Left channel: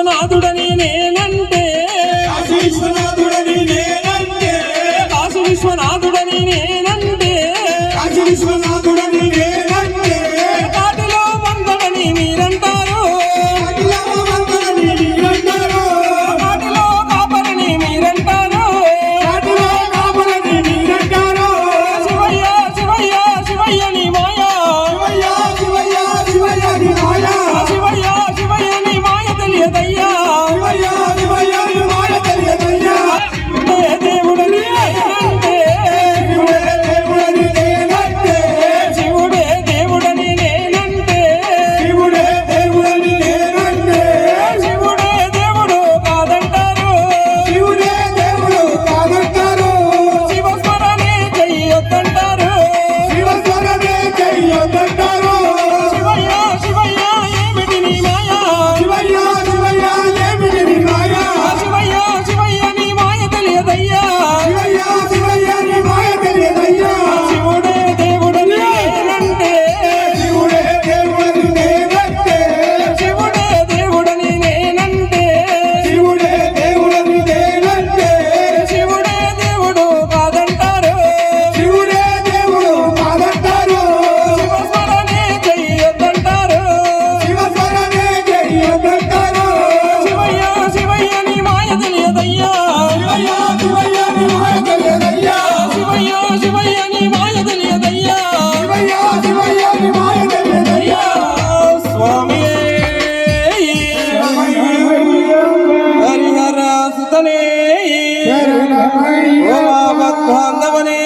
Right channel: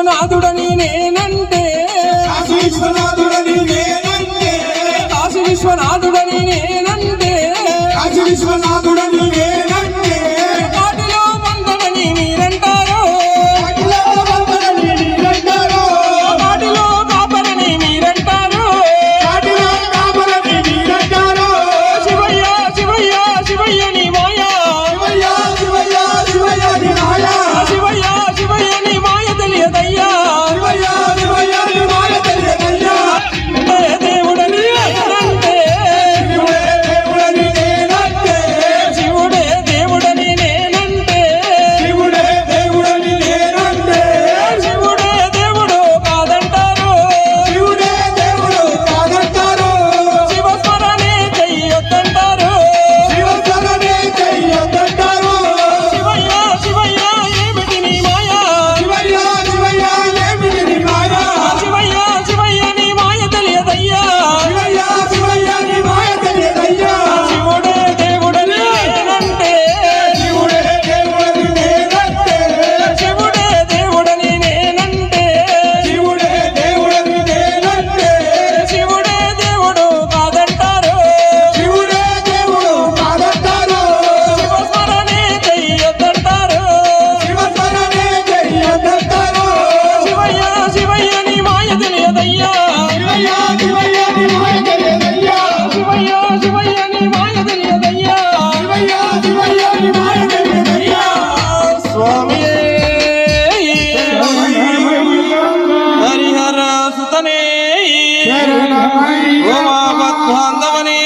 విశ్వనాథుడని నేనంటే కాశీ విశ్వనాథుడని నేనంటే కాశీ విశ్వనాథుడని నేనంటే కాశీ విశ్వనాథుడని నేనంటే కాటిలో మందడని మీరంటారు కాటిలో మందడని మీరంటారు కాటిలో కాపరని మీరంటారు కాటిలో కాపరని మీరంటారు శివయ్య శివయ్య శివయ్య నీ మాయ శివయ్య శివయ్య శివయ్య నీ మాయ శివయ్య శివయ్య నీ మాయ తెలియదయ్యా శివయ్య శివయ్య నీ మాయ తెలియదయ్యా దేవుడని నేనంటే శివుడే దేవుడని నేనంటే శివుడే దేవుడని నేనంటే శివుడే దేవుడని నేనంటే శివుడే దేవుడు కాదంటారు శివుడే దేవుడు కాదంటారు శివస్మరణే చెయ్యొద్దంటారు శివస్మరణే చెయ్యొద్దంటారు శివయ్య శివయ్య ఏమిటి నీ మాయ శివయ్య శివయ్య ఏమిటి నీ మాయ శివయ్య శివయ్య నీ మాయ తెలియదయ్యా శివయ్య శివయ్య నీ మాయ తెలియదయ్యా శివుడే దేవుడని నేనంటే శివుడే దేవుడని నేనంటే శివుడే దేవుడని నేనంటే శివుడే దేవుడని నేనంటే శివుడే దేవుడు కాదంటారు శివుడే దేవుడు కాదంటారు శివస్మరణే చెయ్యొద్దంటారు శివస్మరణే చెయ్యొద్దంటారు శివయ్య శివయ్య నీ మాయ తెలియదయ్యా శివయ్య శివయ్య నీ మాయ తెలియదయ్యా శివయ్య శివయ్య నీ మాయ తెలియదయ్యా శివయ్య శివయ్య నీ మాయ తెలియదయ్యా స్వామి హరిహర సుతనే ఓ మా బాంధవనే